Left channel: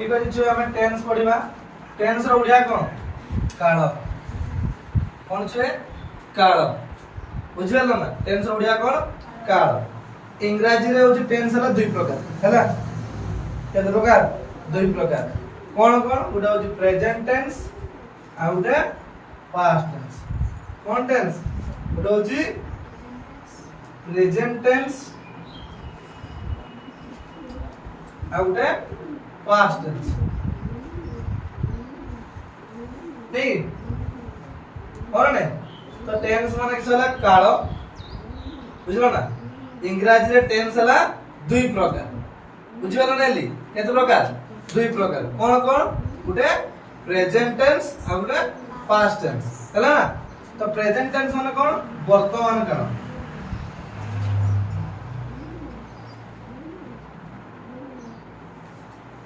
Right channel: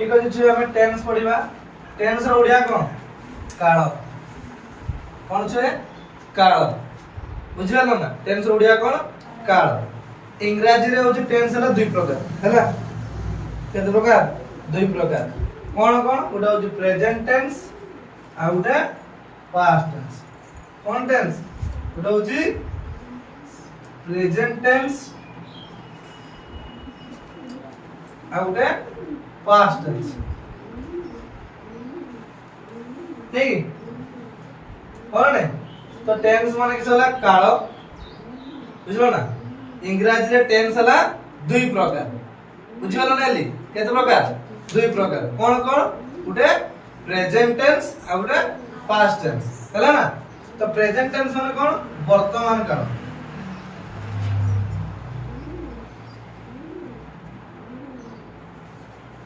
ठीक अछि छु हमें टेंस पढिबा। टेंस रो उड़िया कोन काल कोन छे काल बुझियालो ना। टेंस रो उड़िया कोन काल। इंग्रजी रे होची टेंस हला दुई प्रकार हला केते प्रकार दुई प्रकार कोन कोन उडा होची प्रेजेंट टेंस आ उडा पास्ट टेंस। कोन टेंस उडा होची प्रेजेंट टेंस आ उडा पास्ट टेंस ठीक और ने तो टेंस माने कि होला काल बुझलो ना। इंग्रजी रे टेंस हला दुई प्रकार बुझलो ना एली केते प्रकार दुई प्रकार कोन कोन उडे प्रेजेंट टेंस आ उडे पास्ट टेंस हला ना। तो प्रेजेंट टेंस माने कोन वर्तमान काल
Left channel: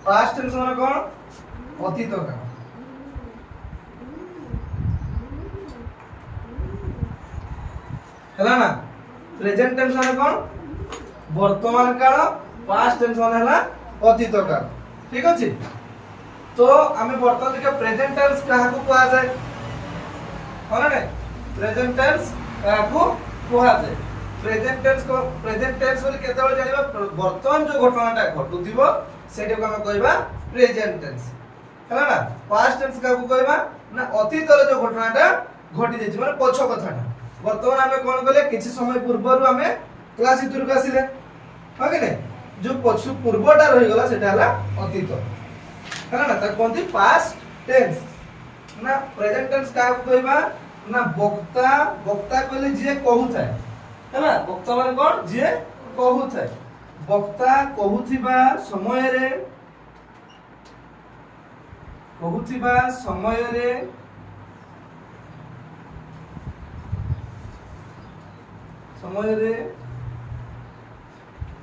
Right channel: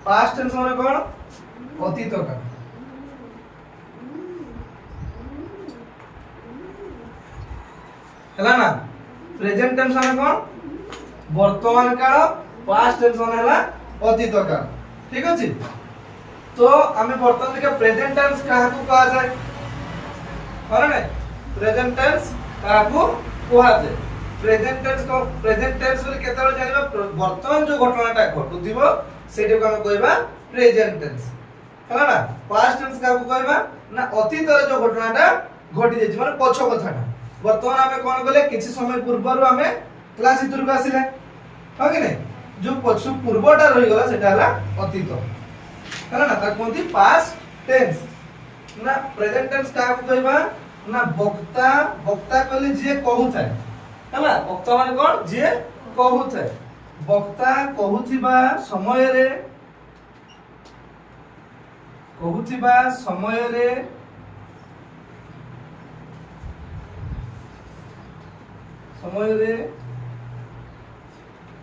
पास्ट टेंस माने कोन अतीत काल हला ना। प्रेजेंट टेंस माने कोन वर्तमान काल पास्ट टेंस माने हला अतीत काल ठीक अछि। तो हमें वर्तमान देखा प्रेजेंट टेंस काहा को कहा जाय होला नै प्रेजेंट टेंस काहा को कहा जाय। प्रेजेंट टेंस बोली केते बेले जानिबा वर्तमान जो घटनाटा घटुथिबो सेटा को हम कहबा प्रेजेंट टेंस हला ना। पास्ट टेंस काहा को कहबा ना अतीत रे जो घटनाटा घटी जेछि माने पछो कथाटा। वर्तमान हमें कोन कहले किछि समय पूर्वरु हमें क्लास इतुर को आसिले हो कि नै जो पछु पूर्वटा रहि गला सेटा हला अतीत हला ना। त कोनती पास्ट टेंस ना। प्रेजेंट टेंस का कहबा ना वक्ता वक्ता कहले जे कहू थाए हला। वक्ता माने कोन जे कहू थाए वक्ता कहूथिबा समय रे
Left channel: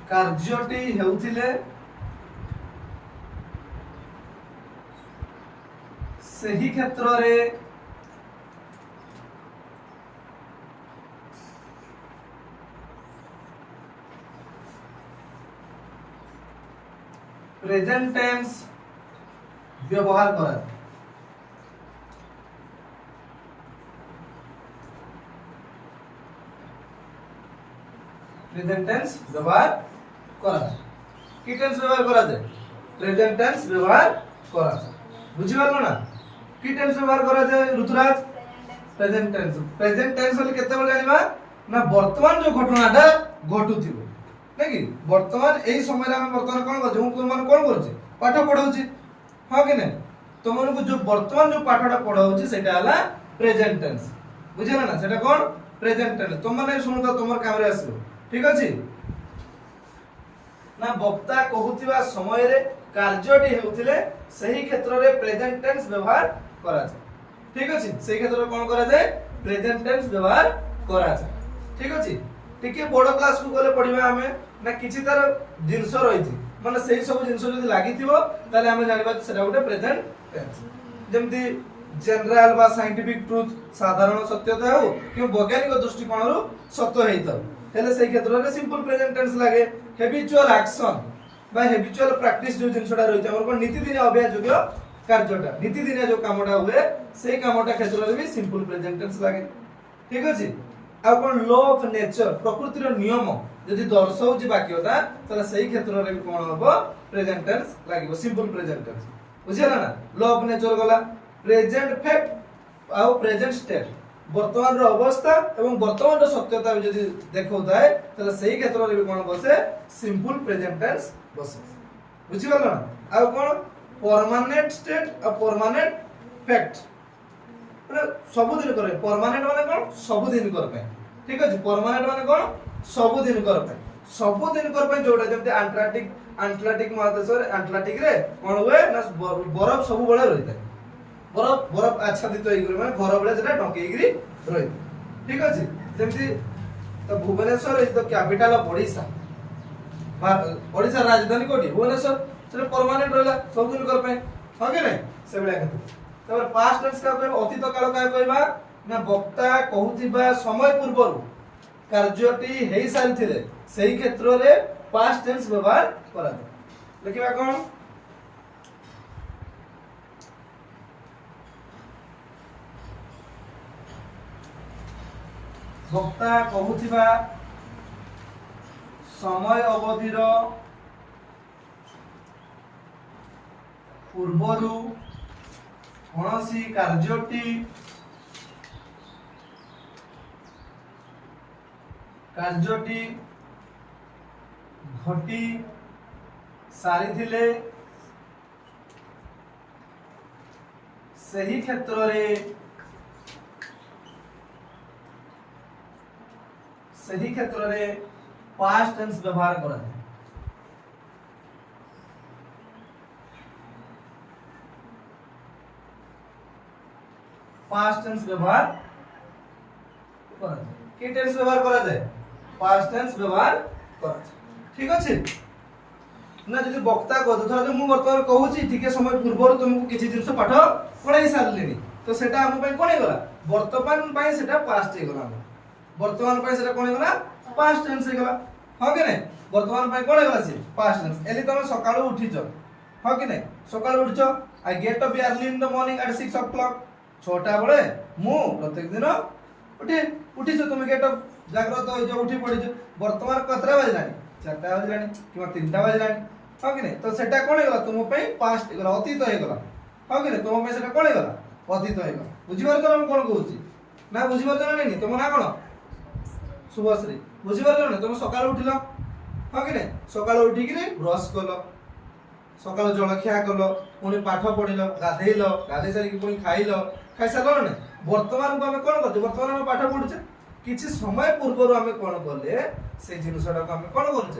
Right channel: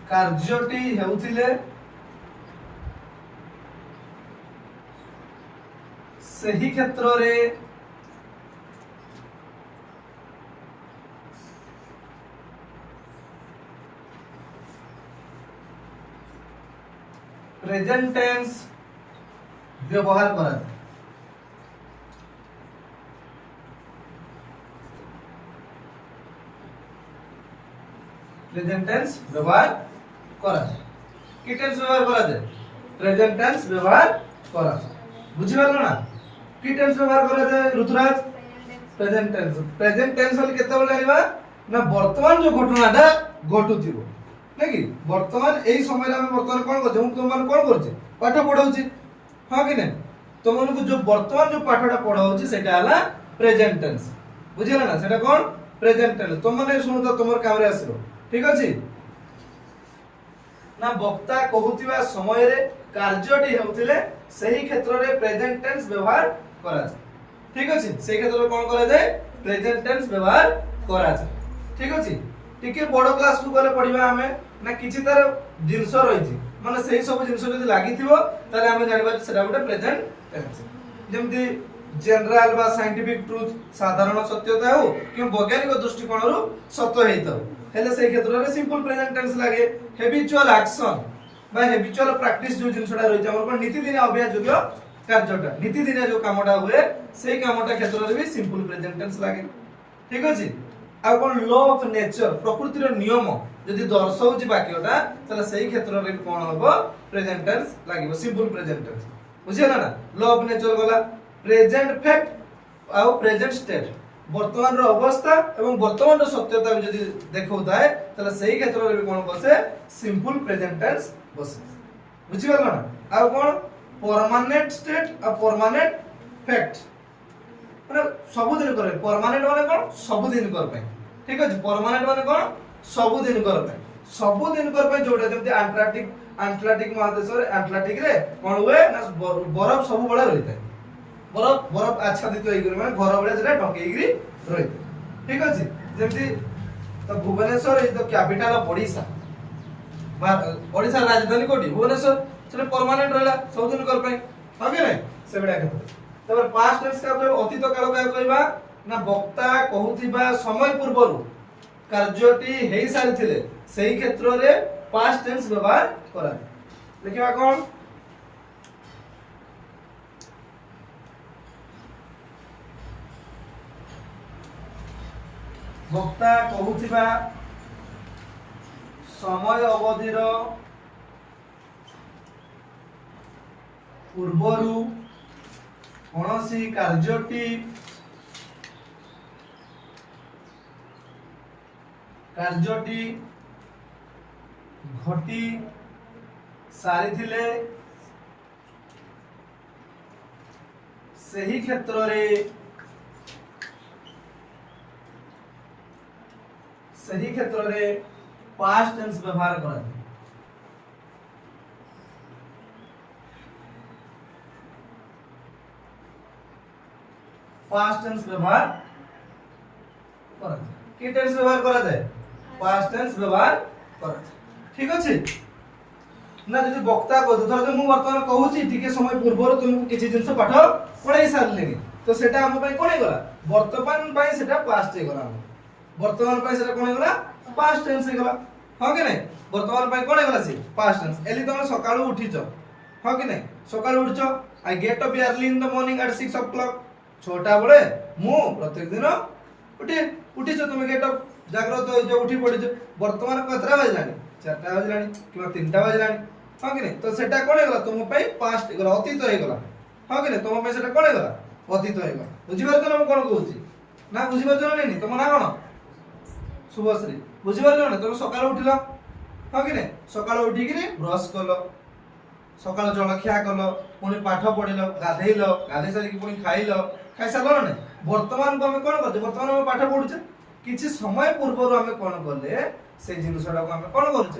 कार्यटी हेउथिले सही क्षेत्र रे प्रेजेंट टेंस व्यवहार करा। प्रेजेंट टेंस व्यवहार करा कि टेंस व्यवहार करा जाय प्रेजेंट टेंस व्यवहार करा बुझि पारलो ना। कि टेंस व्यवहार करा जाय ऋतुराज प्रेजेंट टेंस होली केते बेले जानिबा ना वर्तमान जो घटनाटा घटुथिबो नै कि वर्तमान एई समय रे हम वर्तमान कोन करजो तुम मन कोन करछि पाठ पढौछि हां कि नै तुम मन को जो वर्तमान जो पाठटा पढौछि सेटा हला प्रेजेंट टेंस बुझिला ना। सेटा कोन प्रेजेंट टेंस तुम माने सुनु तो तुमर काम रे आसीबो ठीक अछि ना। वक्ता कहूथिबा समय रे कार्यटी हेउथिले सही क्षेत्र रे प्रेजेंट टेंस व्यवहार करा जाय ठीक अछि। सही क्षेत्र रे कोन करा जाय प्रेजेंट टेंस व्यवहार करा जाय ठीक अछि। टिके बडो क्लास को गले पढिबा हमें ना किछि तार जिंस रहिछि माने सही सब जिंस जदी लागिथिबो ताले हमें जानिबा सेटा उडे प्रेजेंट टेंस। जेमति जनरल बा साइंटिफिक ट्रुथ साधारण सत्यता हो कि वैज्ञानिक दृष्टिकोण रु सत्य हेइतो हेले सही क्षेत्र रे सिंपल प्रेजेंट टेंस लागे। हैबिचुअल एक्शन बा हैबिचुअल प्रैक्टिस जो जिंसटा रहिछ हमर को नीति दिन अभ्यास योग्य कार्यटा नीति दिन जो कामटा हुए सेही कामटा क्षेत्र रे भी सिंपल प्रेजेंट टेंस लागे ठीक अछि। आ कोन लॉ ऑफ नेचर प्रकृति रो नियम यदि दर्शाउछि वाक्यटा तले सेही क्षेत्र रे कोन होबो प्रेजेंट टेंस लागिबो सिंपल प्रेजेंट टेंस बुझिला ना। लॉ ऑफ नेचर गला प्रेजेंट फैक्ट आ प्रेजेंट स्टेट वर्तमान रो अवस्था एवं वर्तमान रो सत्यता यदि देखौताय तले सेही क्षेत्र रे कोन बसे सिंपल प्रेजेंट टेंस बसे बुझि पारलो ना। आ कोन परमानेंट स्टेट आ परमानेंट फैक्ट माने सब दिन करे परमानेंट माने कोन सब दिन कर पे ठीक अछि। परमानेंट माने कोन सब दिन कर पे जोटा जेमते अटलांटिक महादेश रे अटलांटिक रे कोन हुए ना बरफ सब बळे रहितै बरफ आच्छादित होइगरे माने घर बळे जेटा ढकेइगरी रहितै ठीक अछि। जेमति तो Bhubaneswar is the capital of Odisha Odisha राजधानी कोठी भुवनेश्वर सेटा परमानेंट रहला सब दिन कर पे हो कि नै सेबडा के तब पास्ट टेंस का कहबा अतीत काल का कहबा ना वक्ता कहूथिबा समय पूर्वरु कार्यटी हेई सारिथिले सेही क्षेत्र रे पास्ट टेंस व्यवहार करा लिखिबा कोन ବକ୍ତା କହୁଥିବା ସମୟ ଅବଧିର ପୂର୍ବରୁ କୌଣସି କାର୍ଯ୍ୟଟି ଘଟି ସାରିଥିଲେ ସେହି କ୍ଷେତ୍ରରେ past tense ବ୍ୟବହାର କରାଯାଏ। past tense व्यवहार कराଯାए। कि टेंस व्यवहार कराଯାए? past tense व्यवहार कराଯାए। ठीक अछि ना? जदि वक्ता को धर मु वर्तमान कहूची टिके समय पूर्व तुमको किछि जिंस पाठ पढाई सारलेनी तो सेटा हम पई कोन हेगला वर्तमान पई सेटा पास्ट हेगला वर्तमान पई सेटा कोन हेगला पास्ट टेंस हेगला हां कि नै वर्तमान पई कोन हेगला से पास्ट टेंस एली तुम सकाळू उठिछ हां कि नै सकाळू उठिछ I get up early in the morning at 6 o'clock 6टा बळे मु प्रत्येक दिन उठिछ तुम गेट अप जाग्रत हो जो उठी पडिछ वर्तमान कतरा बजलानी 4टा बजलानी किबा 3टा बजलानी हां कि नै तो सेटा कोन हेगला तुम पई पास्ट हेगला अतीत हेगला हां कि नै तुम पई सेटा कोन हेगला अतीत हेगला बुझि पारछ ना हम कोन कहूची ना बुझि पारछ ना नै तुम ना कोन शुभश्री बुझि पारछ ना तुम सकाळ उठिला हां कि नै सकाळ उठी कि ब्रश कलो सकाळ जलखिया कलो पुनी पाठ पढिलो गाधेइलो गाधे सारी कि पुनी खाइलो खाइ सारलो ना वर्तमान को हम कोन करछ वर्तमान हम पाठ पढुछ किछि समय पूर्व हम कोन करले से जिनिसटा को हम कोन करछ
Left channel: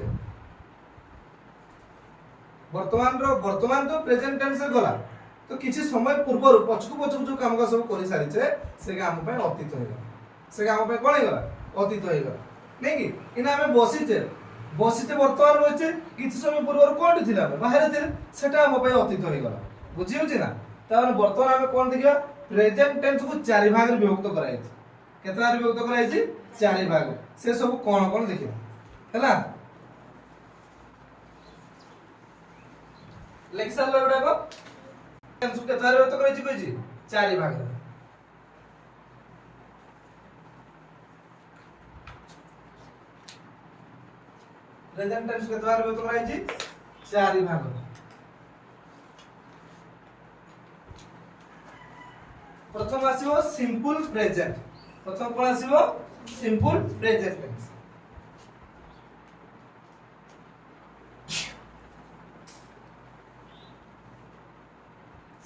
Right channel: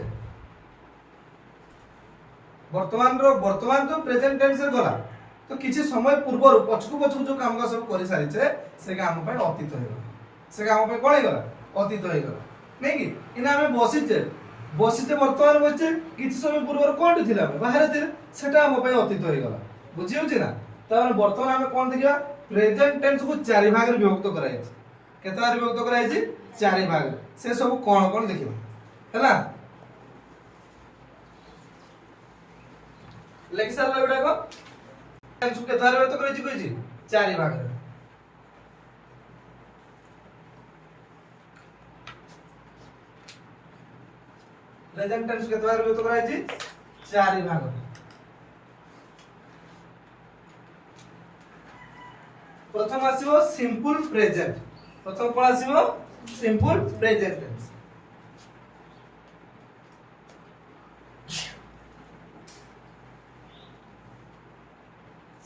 वर्तमान तो प्रेजेंट टेंस रे गला तो किछि समय पूर्व पछकु जो काम का सब करि सारिछे से काम पे अतीत हेगला से काम पे कोन हेगला अतीत हेगला नै कि इना हम बसिते वर्तमान बचे किछि समय पूर्व कोन थिला बाहर थिले सेटा हम पे अतीत हेगला बुझि होछि ना त वर्तमान हम कोन देखिबा प्रेजेंट टेंस को चारि भाग रे विभक्त कराइ छै केतना रे विभक्त कराइ छै चारि भाग से सब कोन कोन देखिबा हैला लेखि सारले गुडा को टेंस को केतना रे विभक्त कराइ छै कहि चारि भाग रे प्रेजेंट टेंस के द्वारा व्यक्त कराइ छी चारि भाग प्रथम आसीबो सिंपल प्रेजेंट प्रथम कोन आसीबो simple present tense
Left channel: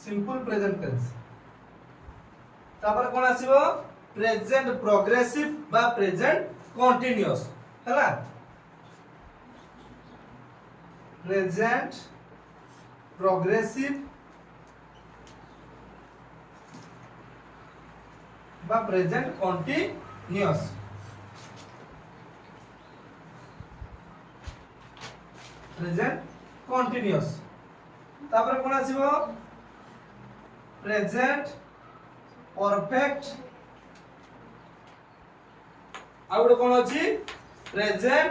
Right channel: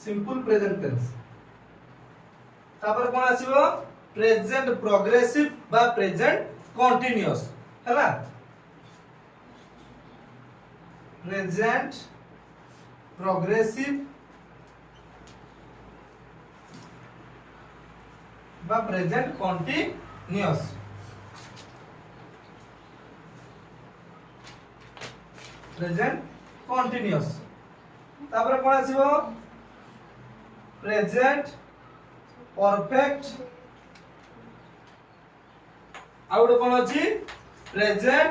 simple present tense तापर कोन आसीबो प्रेजेंट प्रोग्रेसिव बा प्रेजेंट कंटीन्यूअस हैला प्रेजेंट प्रोग्रेसिव बा प्रेजेंट कंटीन्यूअस तापर कोन आसीबो प्रेजेंट परफेक्ट आउट कोन अछि प्रेजेंट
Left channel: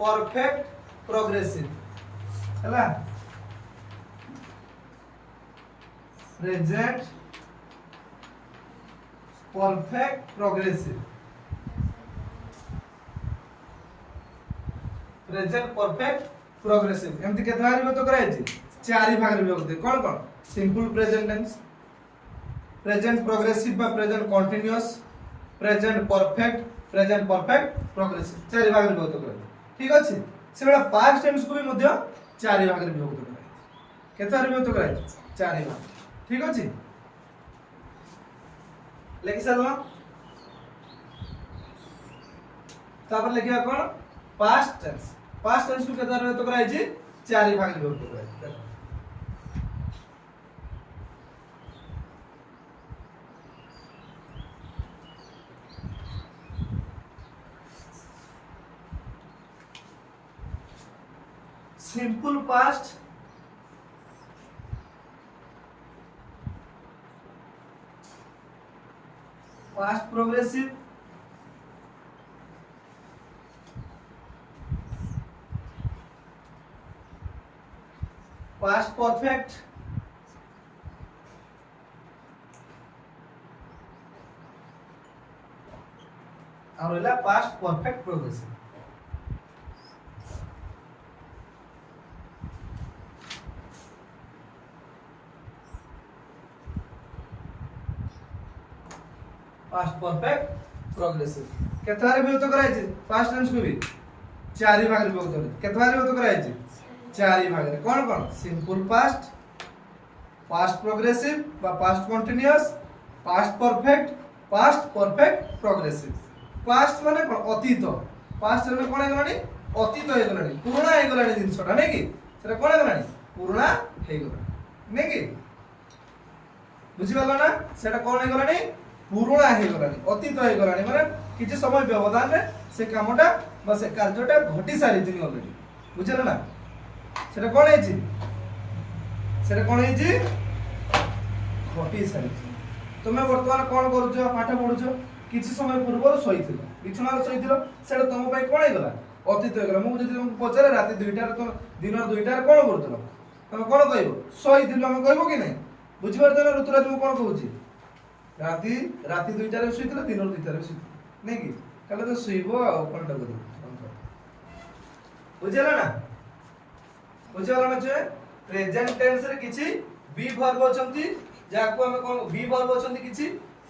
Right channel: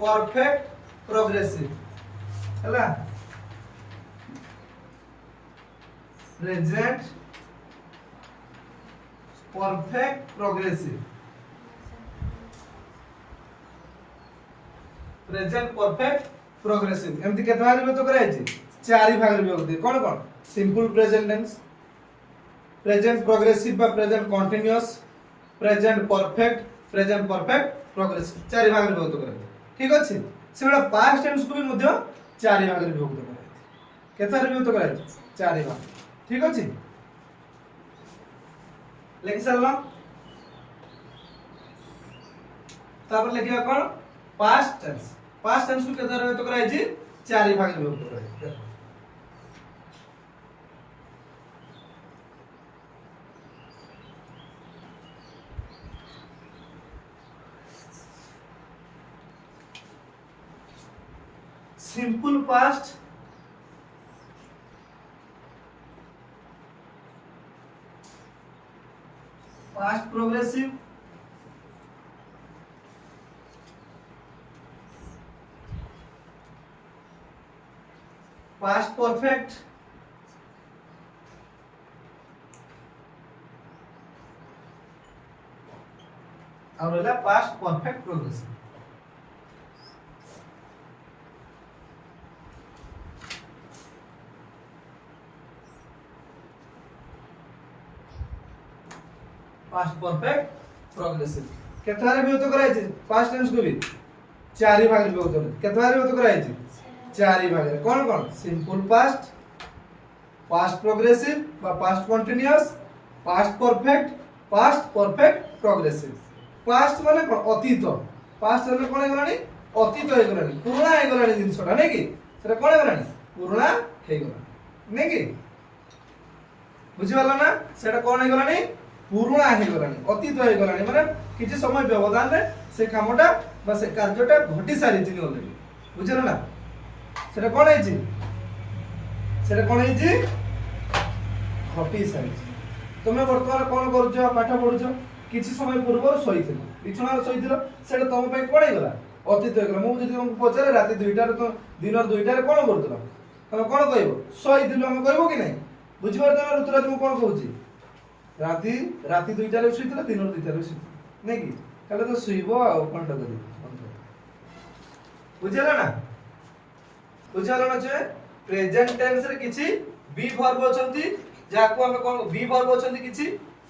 परफेक्ट प्रोग्रेसिव हैला प्रेजेंट परफेक्ट प्रोग्रेसिव एमति केतना रे व्यक्त कराइ छी चारि भाग रे व्यक्त कोन कोन simple present tense present progressive बा present continuous present perfect progressive चारि भाग रे व्यक्त कराइ ठीक अछि सेबडा पास्ट टेंस को भी मध्य चारि भाग रे व्यक्त कराइ केतना रे व्यक्त कराइ चारि भाग ठीक अछि लेखि सरलो तापर लेखिया कोन पास्ट टेंस को केतना रे व्यक्त कराइ छी चारि भाग रे व्यक्त कराइ simple past progressive past perfect और रहला past perfect progressive. Past perfect progressive केतवारे विभक्त कराई छे पास्ट टेंस को भी चारि भाग रे विभक्त करे केतवारे विभक्त कराई छे चारि भाग रे कोन कोन सिंपल पास्ट पास्ट प्रोग्रेसिव बा past continuous past perfect progressive. Past माने कोन अतीत पास्ट माने कोन हे गलानी अतीत हे गलानी पुराना हे गलानी जिंसटा नै कि सेटा कोन हे गलानी पुराना हे गलानी नै कि बुझि वाला ना सेटा कोन हे गलानी पुराना हे गलानी अतीत हे गलानी माने किछि समय व्यवधान रे से कामटा बा से कार्यटा घटी सारी छि ऑलरेडी बुझिला ना सेटा कोन हे छि सेटा कोन हे छि घटी सारी छि। तुमे वर्तमान कोन करूछ पाठ पढुछ किछि समय पूर्व सहिथिलो बिछुना सहिथिलो सेटा तम पय कोन हे गला अतीत हे गला मु जदि तुमको पचारे राति 2टा रे तो दिन 2टा रे कोन करथलो तमे कोन कहबो सहिथिलो हम कहबो कि नै बुझि पारछ ना ऋतुराज मु कोन कहूची राति 2टा रे सहिथिलो दिन 2टा रे सहिथिलो नै कि कले तो सुइबो आ कोनटा करियो बुझिला ना जे प्रेजेंट टेंस रे किछि बी वर्ब अछंती जाको हम कोन बी वर्ब अछंती किछि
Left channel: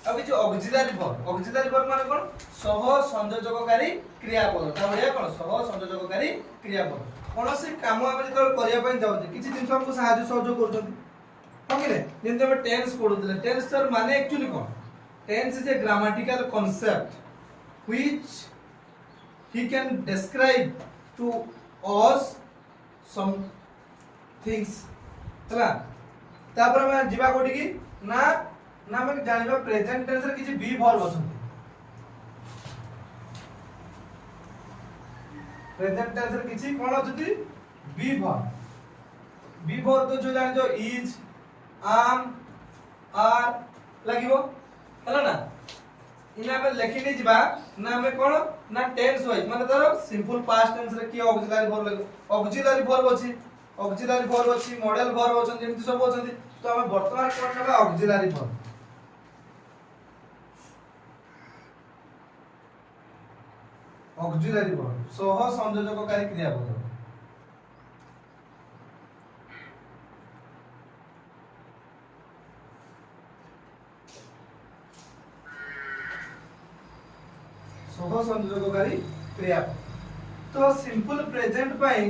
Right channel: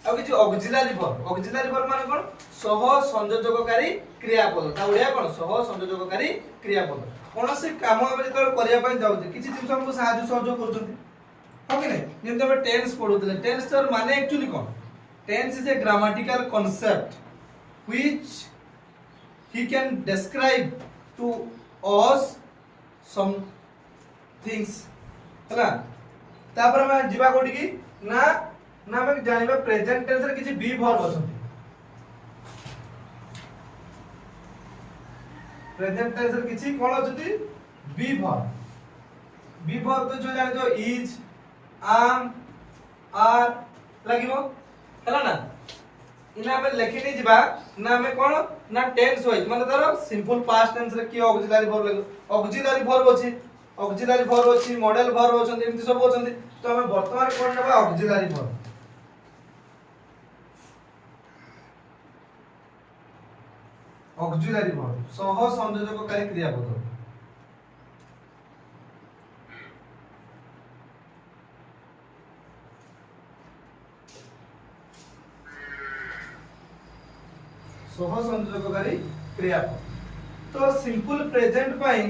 आ किछि ऑक्सिलरी वर्ब माने कोन सह संयोजककारी क्रियापद ता ओडिया कोन सह संयोजककारी क्रियापद कोन से काम हम जेतल करिया पय जाउछि किछि जिंस हमको सहाय्य सहयोग करछंती हो कि नै जेंते हम टेंस पढुतले टेंस तर माने एक्चुअली कोन tense is a grammatical concept which he can describe to us some things हला तापर हम जीवा कोठी की ना हम जानिबा प्रेजेंट टेंस रे किछि बी वर्ब अछंती प्रेजेंट टेंस रे किछि कोन अछंती बी वर्ब तो जो जानि जो इज am are लागिवो हला ना इना हम लिखि नि जिबा ना हमें कोन ना टेंस होई माने तार सिंपल पास्ट टेंस रे की ऑक्सिलरी वर्ब लागो ऑक्सिलरी वर्ब अछि मॉडल वर्ब अछंती एमति सब अछंती तो हमें वर्तमान कोन नबा ऑक्सिलरी वर्ब सह संयोजककारी क्रियापद सह संयोजककारी क्रियापद तो सिंपल प्रेजेंट पाई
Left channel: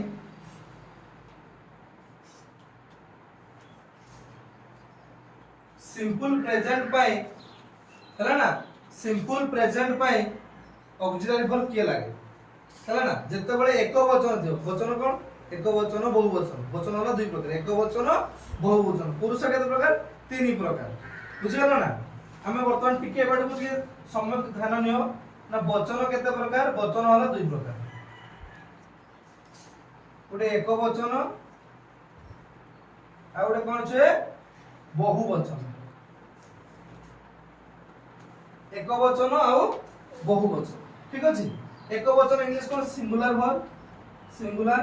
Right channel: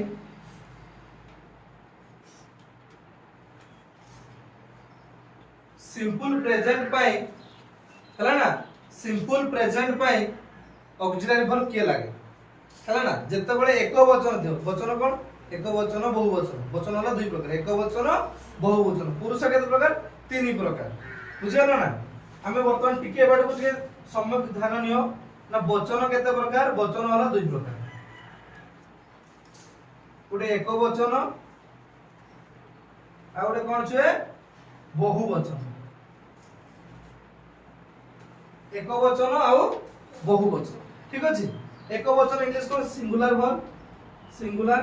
हला ना सिंपल प्रेजेंट पाई ऑक्सिलरी वर्ब के लागे हला ना जत्ते बळे एक वचन दियो वचन कोन एक वचन बहुवचन वचन होला दुई प्रकार एक वचन बहुवचन पुरुष केते प्रकार तीन प्रकार बुझियला ना हमें वर्तमान टिके बाडू के सम्यक ध्यान नियो ना वचन केते प्रकार वचन होला दुई प्रकार गोटे एक वचन आ गोटे कोन छे बहुवचन एक वचन आ बहुवचन ठीक अछि एक वचन इंग्लिश कोन सिंगुलर वर्ब सिंगुलर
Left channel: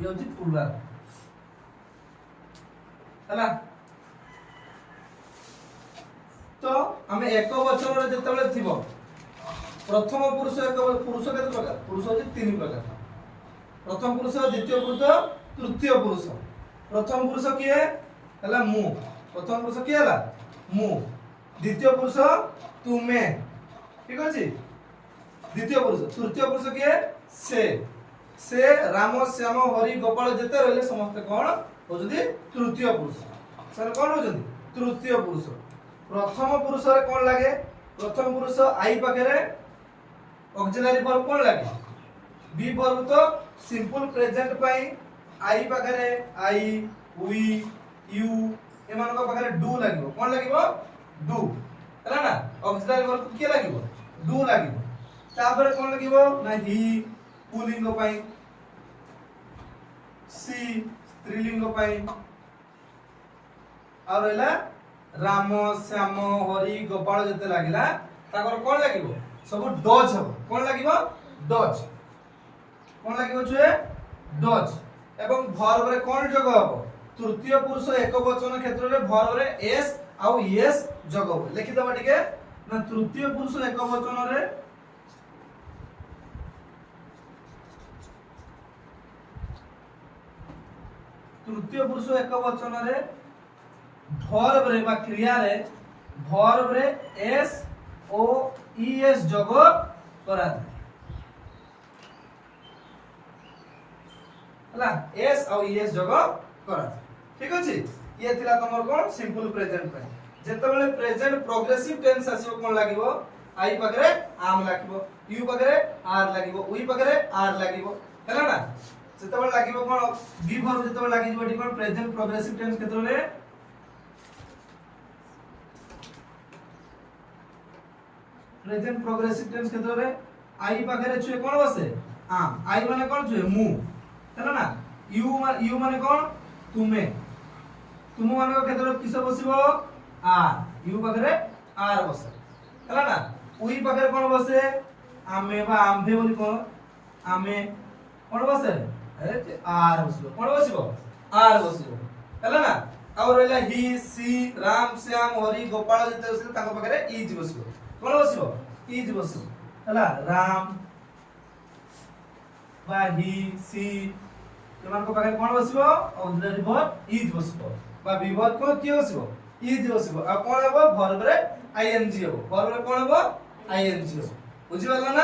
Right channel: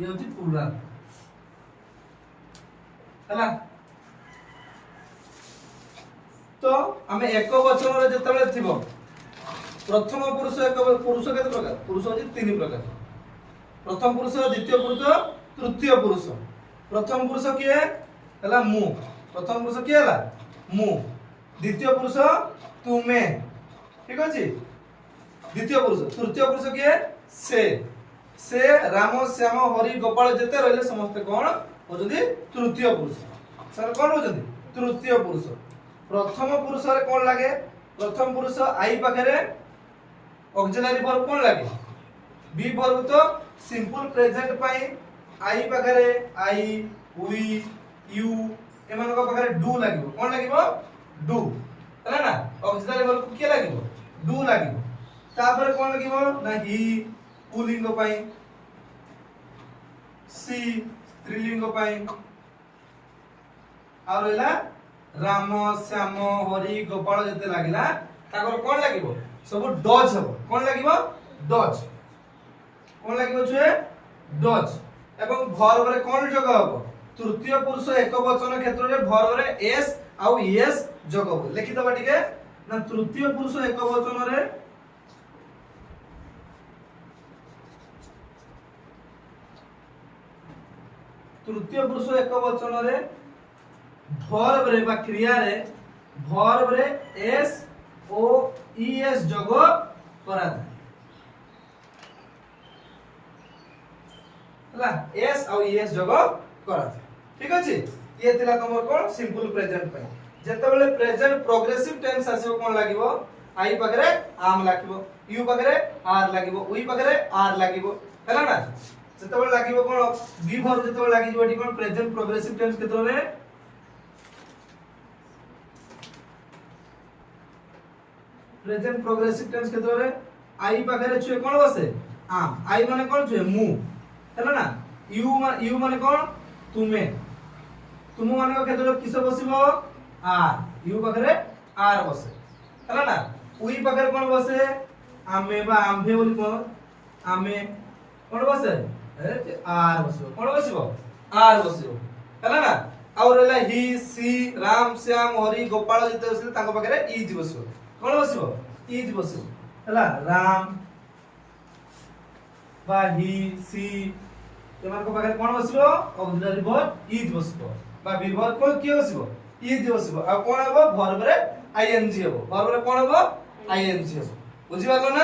ये होती प्लुरल हला तो हमें एक वचन रे जतबे थिबो प्रथम पुरुष एक पुरुष केते प्रकार पुरुष होती तीन प्रकार प्रथम पुरुष द्वितीय पुरुष तृतीय पुरुष प्रथम पुरुष किए हला मु प्रथम पुरुष किए हला मु द्वितीय पुरुष तुमे ठीक अछि द्वितीय पुरुष तृतीय पुरुष किए से राम श्याम हरि गोपाल जते रहले समस्त कोन होजदी तृतीय पुरुष सर कोन होजदी तृतीय पुरुष प्रथम पुरुष रे कोन लागे प्रथम पुरुष आई पाखरे ऑक्सिलरी वर्ब कोन लागे बी वर्ब तो सिंपल प्रेजेंट पाई आई पाखरे आई वी यू एमान को पाखरे डू लागिवो कोन लागिवो डू हला ना ऑक्सिलरी वर्ब को के लागिवो डू लागिवो तापर कोन लागिवो ना ही पुलिंग पाई सी स्त्रीलिंग पाई और रहला राम श्याम हरि गोपाल जते लागिला ताकर कोन लागिवो सब डज हबो कोन लागिवो डज कोन लागिवो छे डज एवं वर्ब रे कोन जोग हबो तृतीय पुरुष एक वचन क्षेत्र रे वर्ब रे एस आउ एस जोग हबो लिखि दबा टिके ना तृतीय पुरुष एक वचन रे तृतीय पुरुष एक वचन रे वर्ब रे बा क्रिया रे वर्ब रे एस ओ ई एस जोग करा जाय हला एस और ई एस जोग करा जाय ठीक अछि ये थिला तमर कोन सिंपल प्रेजेंट पय जेतेबेले प्रेजेंट प्रोग्रेसिव टेंस आसीबो कोन लागिवो आई पगरे आम लागिवो यू पगरे आर लागिवो उई पगरे आर लागिवो हला ना जेतेबेले लागिवो कोन बी वर्ब जेतेबेले लागिवो एटी कोन प्रेजेंट प्रोग्रेसिव टेंस केतरे प्रेजेंट प्रोग्रेसिव टेंस केतरे आई पगरे छुए कोन बसे आम आई माने कोन छुए मु हला ना यू माने कोन तुमे तुम माने केतरे किस बसिबो आर यू पगरे आर बसे हला ना उई पगरे कोन बसे आमे बा आम्भे बोली कोन आमे कोन बसे अरे आर बसिबो कोन बसिबो आर बसिबो हला ना और रहला ही सी राम श्याम हरि गोपाल जते बसिले तांको पगरे इज बसिबो कोन बसिबो इज बसिबो हला राम बा ही सी एमान को पगरे कोन बसिबो ऑक्सिलरी वर्ब इज बसिबो बा विभर को किए बसिबो इज बसिबो आ कोन हेबो वर्ब रे आईएनजी हेबो वर्ब रे कोन हेबो आईएनजी हेबो बुझि पालो ना।